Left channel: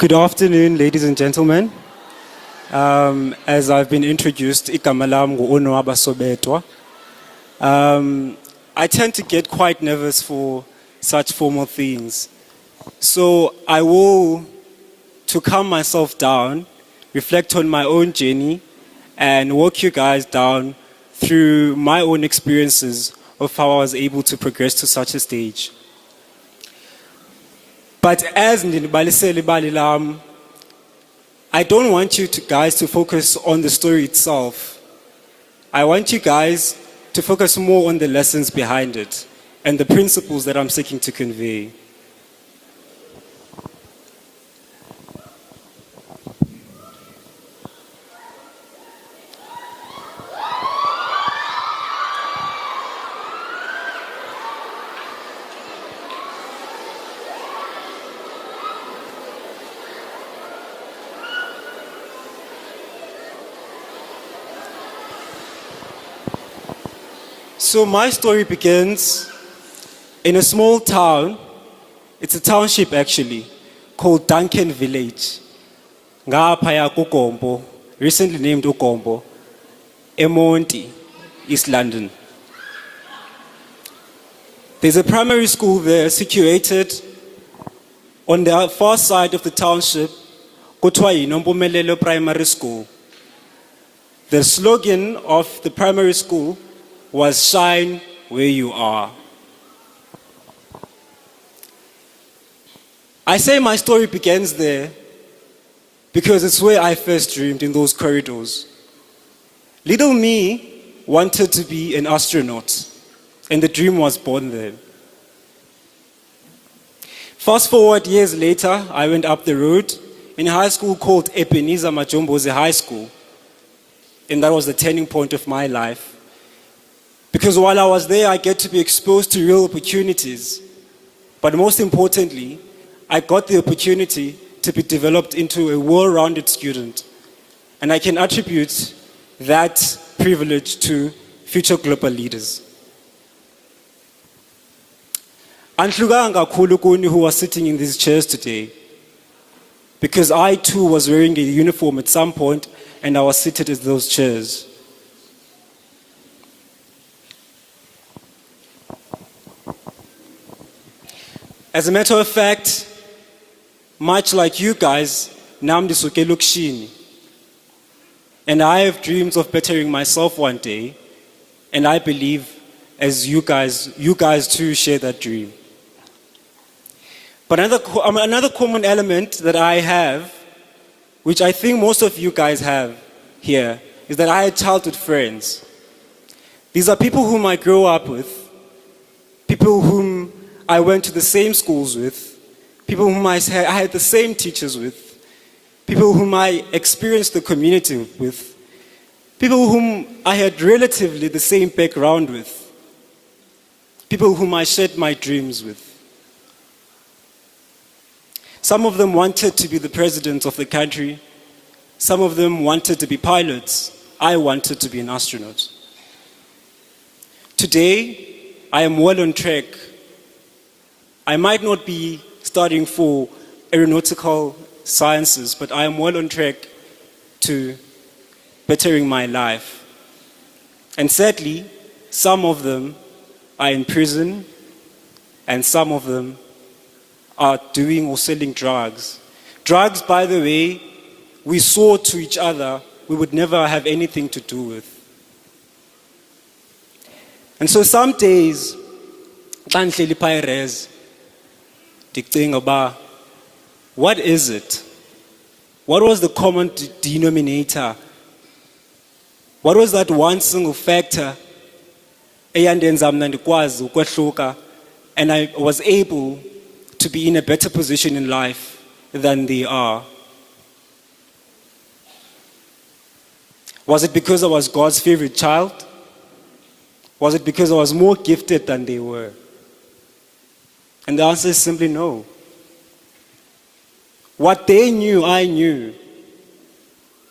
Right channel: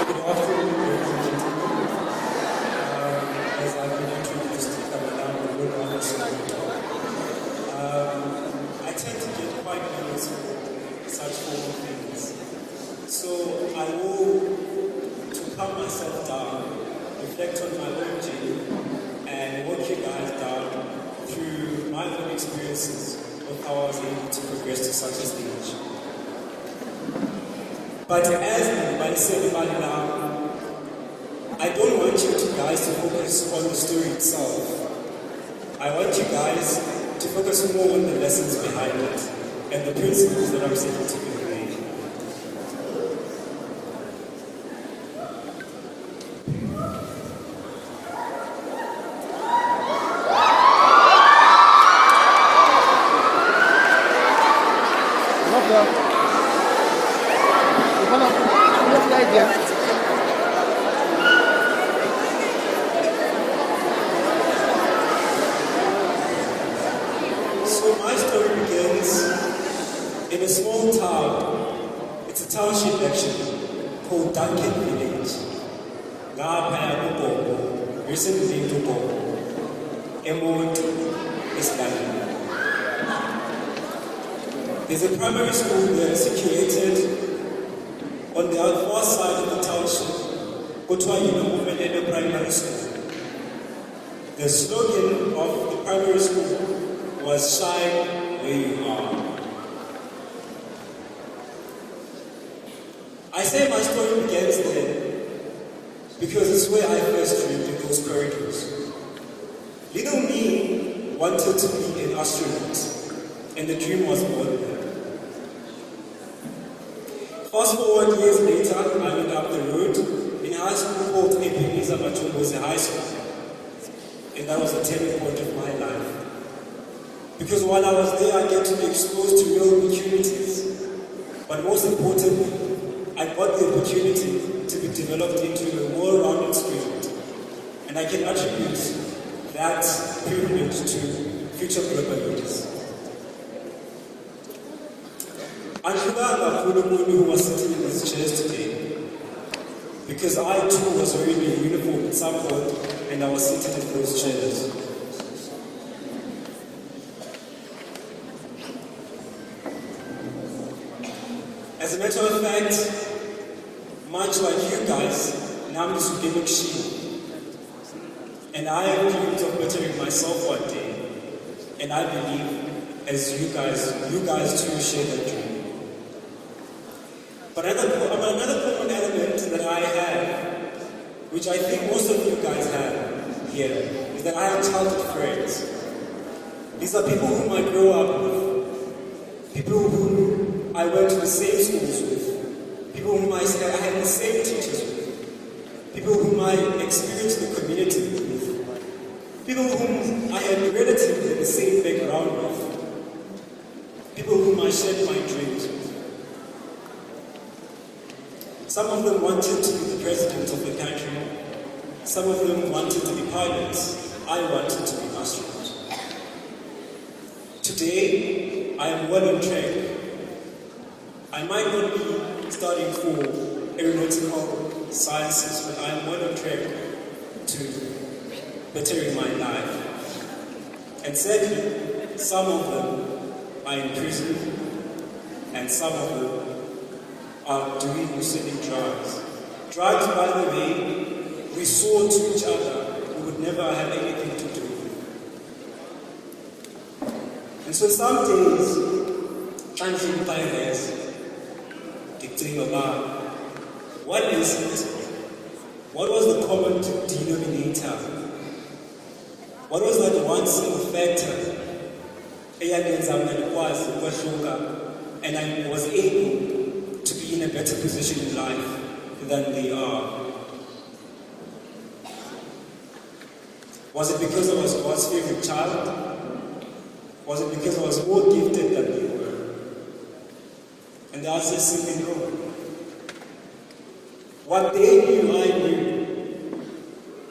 Good afternoon, ladies and gentlemen. As I've been introduced, igama lam Onwaba Sobetwa. I tend to get quite nervous for such formal things. So I will, to calm myself down, reflect on my own journey and walk you guys down through my own experiences of how I was able to progress to such a stage. But as I don't want you guys to focus on the story itself. I want you guys to focus more on the lessons behind it and the principles that I'm seeking to convey. So my story begins in a small town. It's a township actually, called Duncan Village. Ngapaya kuGombo, recently named uGombo, Emonti, East London. There's a primary school there situated on the far side of the township, kuthiwa yiNompumelelo Primary School. The slogan of the primary school was "Shine where you are." I say my story begins there because it's where I first dreamed, in those corridors. Little me wanted to be an astronaut, and the dream was born there. Fast forward years later, I went up the road in a high school called Ebenezer Majomboze High School, and that was the turning point of my life. Because while I was there, I get to be exposed to real opportunities. But most importantly, I got the opportunity to be developed into a well-rounded student. And I can attribute that privilege to future global leaders. Anhlukanga kakhulu kuni who are sitting in these chairs today. Because I too was wearing a uniform at some point and I was seated in those chairs. As a matter of fact, much like you guys, Namdi Suke Lukshin, and I have dreams of bettering myself one day, and I believe as you guys too share that dream. But another common element that I have, which I think most of you guys have here, is that I had childhood friends. These are people whom I grew up with, people whom I went to the same schools with, people whom I had the same teachers with, people whom I experienced the community with, people whom I had relatively the same background with, people whom I shared my dreams with. Some of them wanted to be the president of the country. Some of them wanted to be pilots. I wanted to be an astronaut. Today, I am well on track. I might not be studying for aeronautical sciences, but I am well on track to bettering my life. And sadly, some of them are in prison, and some of them are doing or selling drugs. Drugs, by the way, we swore to each other we would never have anything to do with. And so some days, what is it? What was the common denominator? What was that one single factor? And I was able to be in a better position in life than they are. Was it because I was God's favorite child? Was it because I was more gifted than they were? And the answer is simply no. What they knew, I knew.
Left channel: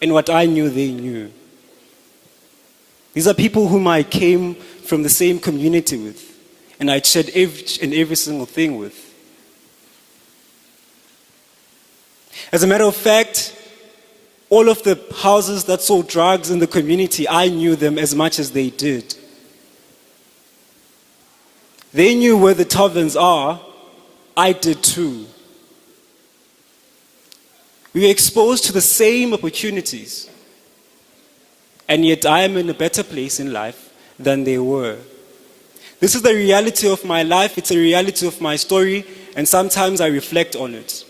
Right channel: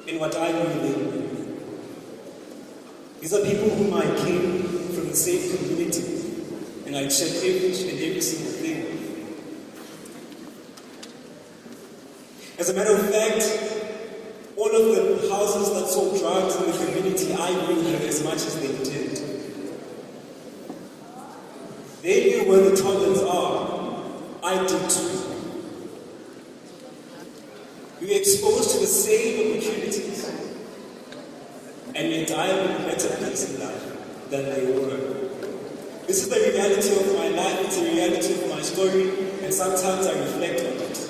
And what I knew, they knew. These are people whom I came from the same community with, and I'd shared every single thing with. As a matter of fact, all of the houses that sold drugs in the community, I knew them as much as they did. They knew where the taverns are, I did too. We were exposed to the same opportunities, and yet I am in a better place in life than they were. This is the reality of my life, it's a reality of my story, and sometimes I reflect on it.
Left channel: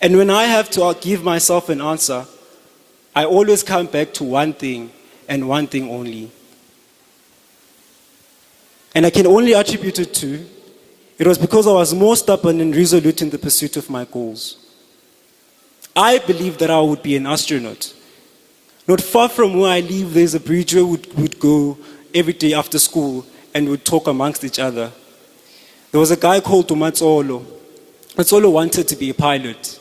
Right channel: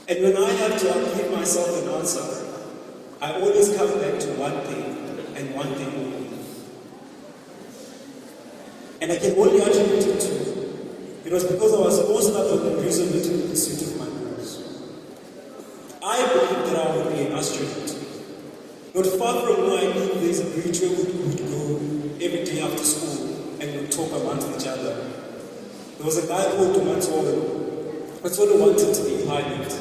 And when I have to give myself an answer, I always come back to one thing and one thing only. And I can only attribute it to, it was because I was more stubborn and resolute in the pursuit of my goals. I believed that I would be an astronaut. Not far from where I live, there's a bridge where we would go every day after school and would talk amongst each other. There was a guy called Matsolo. Matsolo wanted to be a pilot.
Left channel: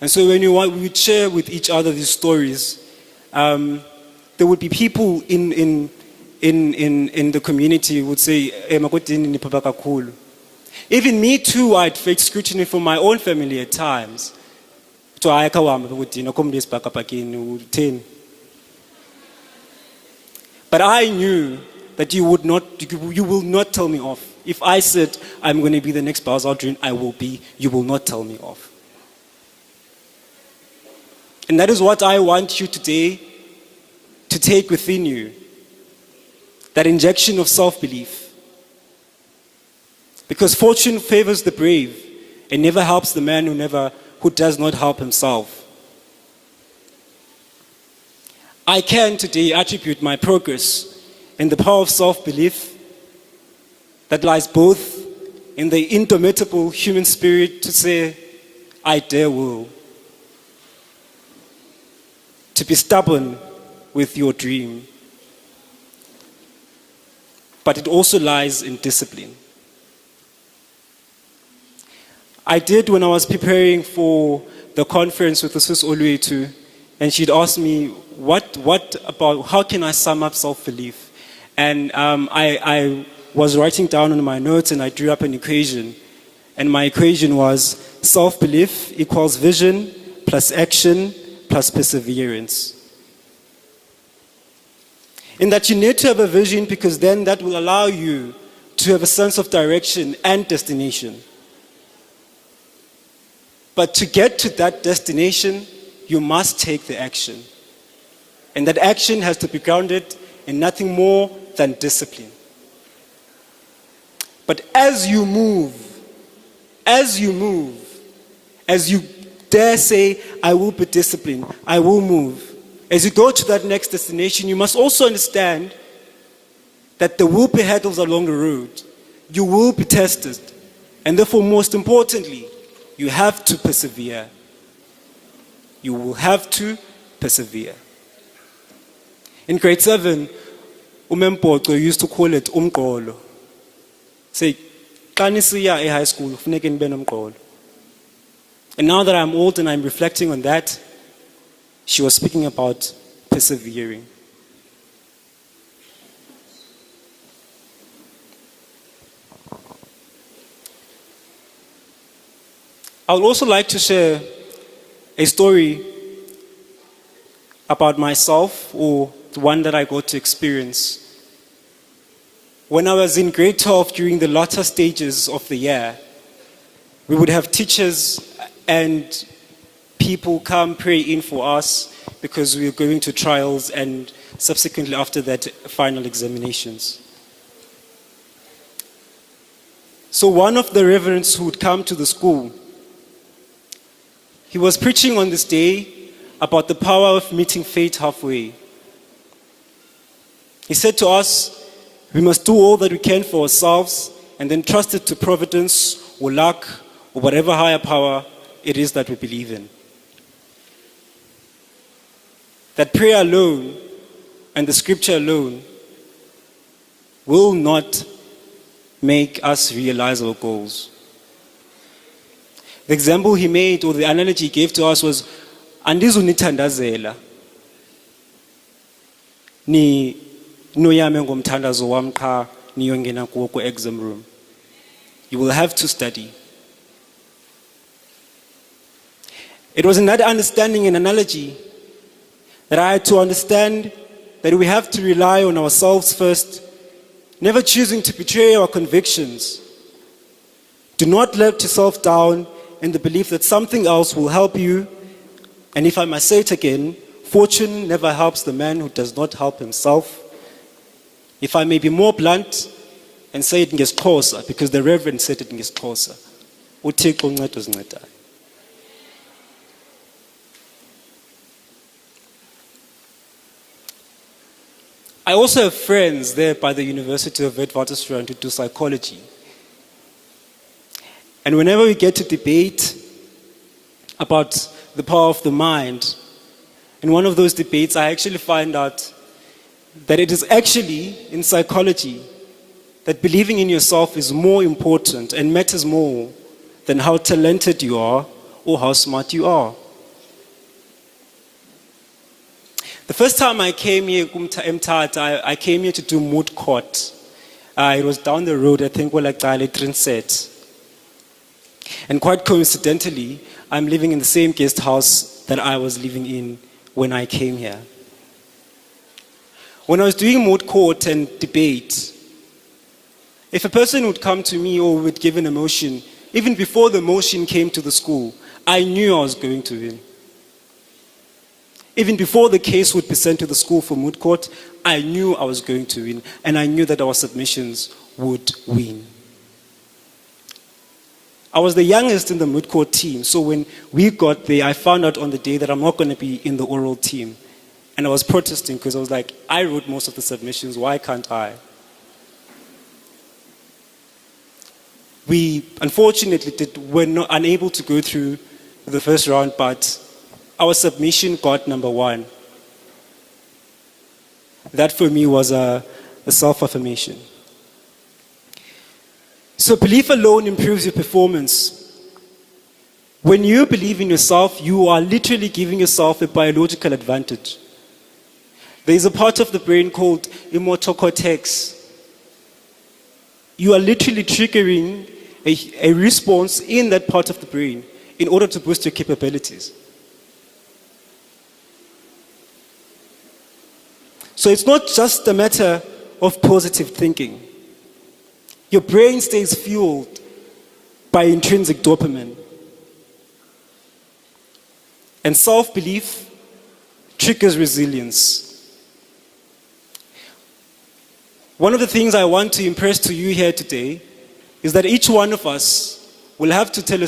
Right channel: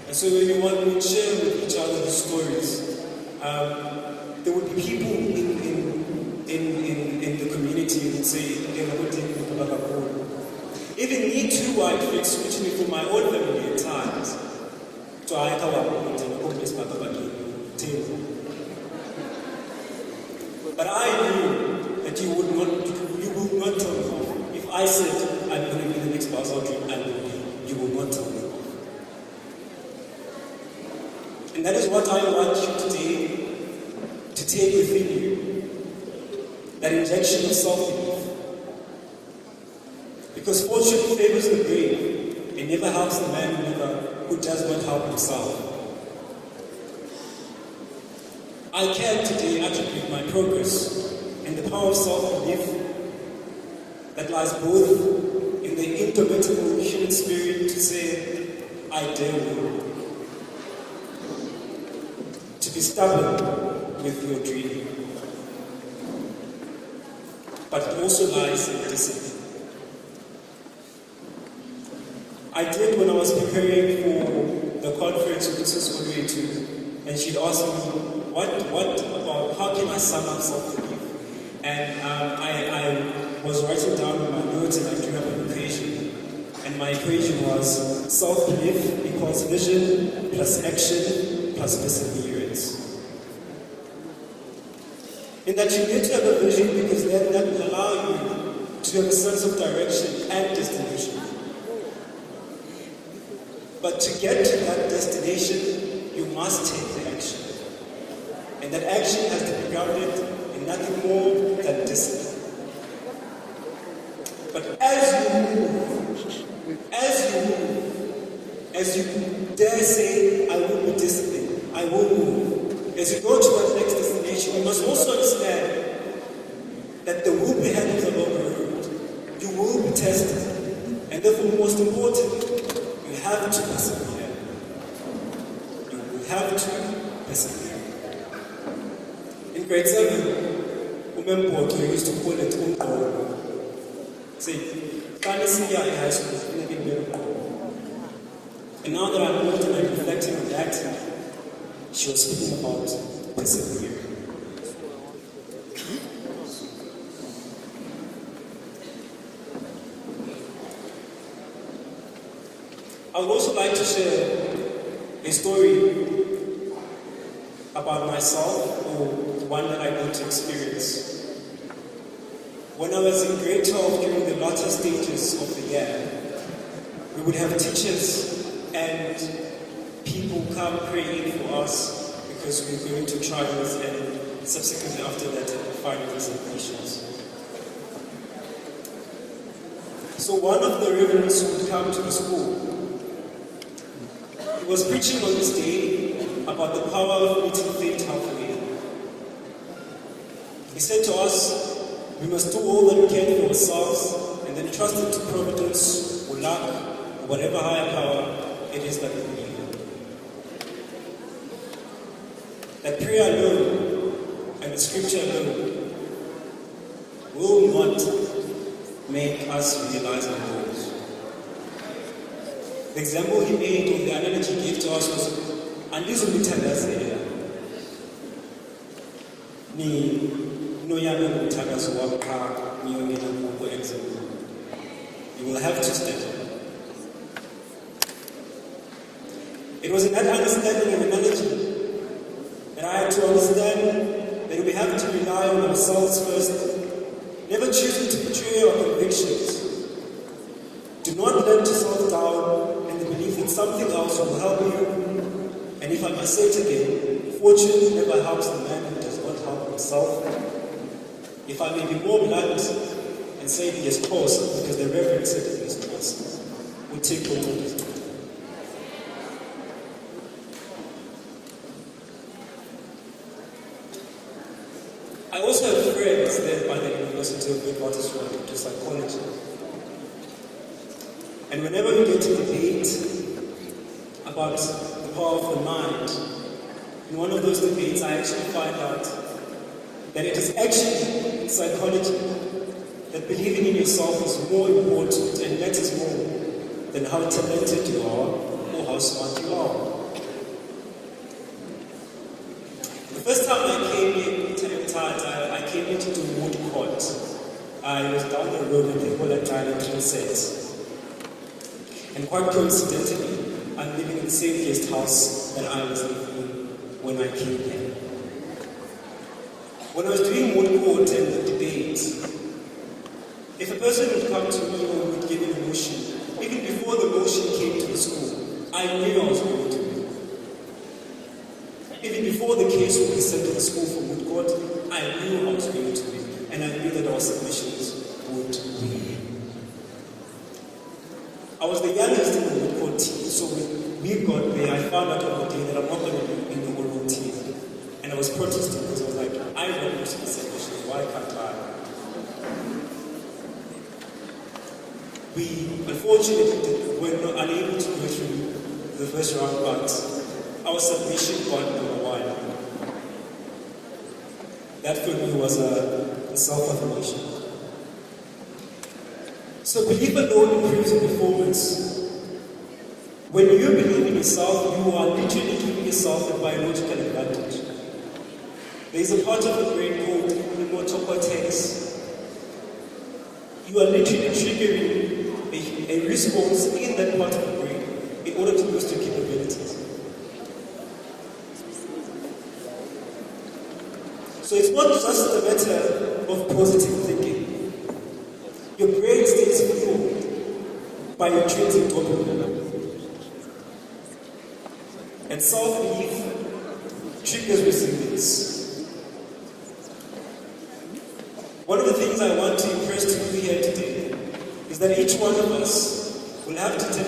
And so when we would share with each other these stories, there would be people in the community who would say, even me too, I'd face scrutiny from my own family at times. But I knew that you will not tell me off. If I said, I'm going to be the next Buzz Aldrin, I will be, you will not tell me off. And that is what I want you today to take within you. That injection of self-belief. Because fortune favors the brave and never helps the man who does not help himself. I can today attribute my progress in the power of self-belief that lies both in the indomitable human spirit to say, I dare will. To be stubborn with your dream. But it also lies in discipline. I did when I was preparing for the conference with the Swiss Olwetu, and she'd asked me, what about, how can I sum up self-belief? And I was writing down in my notes and I drew up an equation. And my equation was self-belief equals vision plus action plus perseverance. In that you need to have a vision because then that will allow you to have a sense of direction and destination. But to get to that destination, you must take the action. And that action has to be grounded in nothing more than discipline. But as you dare say, I will be disciplined, I will move. As you go to that next destination, you must also understand that there will be hurdles along the road. You will be tested. And therefore, most importantly, you have to persevere. You will have to persevere. In grade 7, Umempoto used to call it umqolo. Say, kanisiya e high school, funeke nibe nomqolo. And now that I'm old and I'm reflecting on that, she was speaking about persevering. I would also like to share a story about myself, or the one that I got to experience. When I was in grade 12 during the latter stages of the year, we would have teachers and people come pray in for us because we were going to trials and subsequently after that final examinations. So one of the reverends who would come to the school, he was preaching on this day about the power of meeting fate halfway. He said to us, we must do all that we can for ourselves and then trust it to providence or luck or whatever higher power it is that we believe in. That prayer alone and the scripture alone will not make us realize our goals. The example he made, or the analogy he gave to us, was andizunithandazela ni noyame ngomthandazo wam qha niyongena kuwo ku-exam room. You will have to study. It was in that understanding and analogy that I had to understand that we have to rely on ourselves first, never choosing to betray our convictions. Do not let yourself down in the belief that something else will help you. And if I must say it again, fortune never helps the man who does not help himself. If I may be more blunt and say it in Xhosa, because the Reverend said it in Xhosa. uThixo unceda uzinceda. I also have friends there by the University of Witwatersrand who do psychology. And whenever we get to debate about the power of the mind, in one of those debates I actually find out that it is actually in psychology that believing in yourself is more important and matters more than how talented you are or how smart you are. The first time I came here, I came here to do moot court. It was down the road, I think, where Transet. And quite coincidentally, I'm living in the same guest house that I was living in when I came here. When I was doing moot court and debate, if a person would come to me or would give an emotion, even before the motion came to the school, I knew I was going to win. Even before the case would be sent to the school for moot court, I knew I was going to win, and I knew that our submissions would win. I was the youngest in the moot court team, so when we got there, I found out on the day that I'm not going to be in the oral team. And I was protesting because I was like, I wrote most of the submissions, why can't I? We unfortunately were not unable to go through the first round, but our submission got number 1. That for me was a self-affirmation. So belief alone improves your performance. When you believe in yourself, you are literally giving yourself a biological advantage. There is a part of the brain called immortal cortex. You are literally triggering a response in that part of the brain in order to boost your capabilities. So it's not just a matter of positive thinking. Your brain stays fueled by intrinsic dopamine. And self-belief triggers resilience. One of the things I want to impress to you here today is that each one of us will have to tell a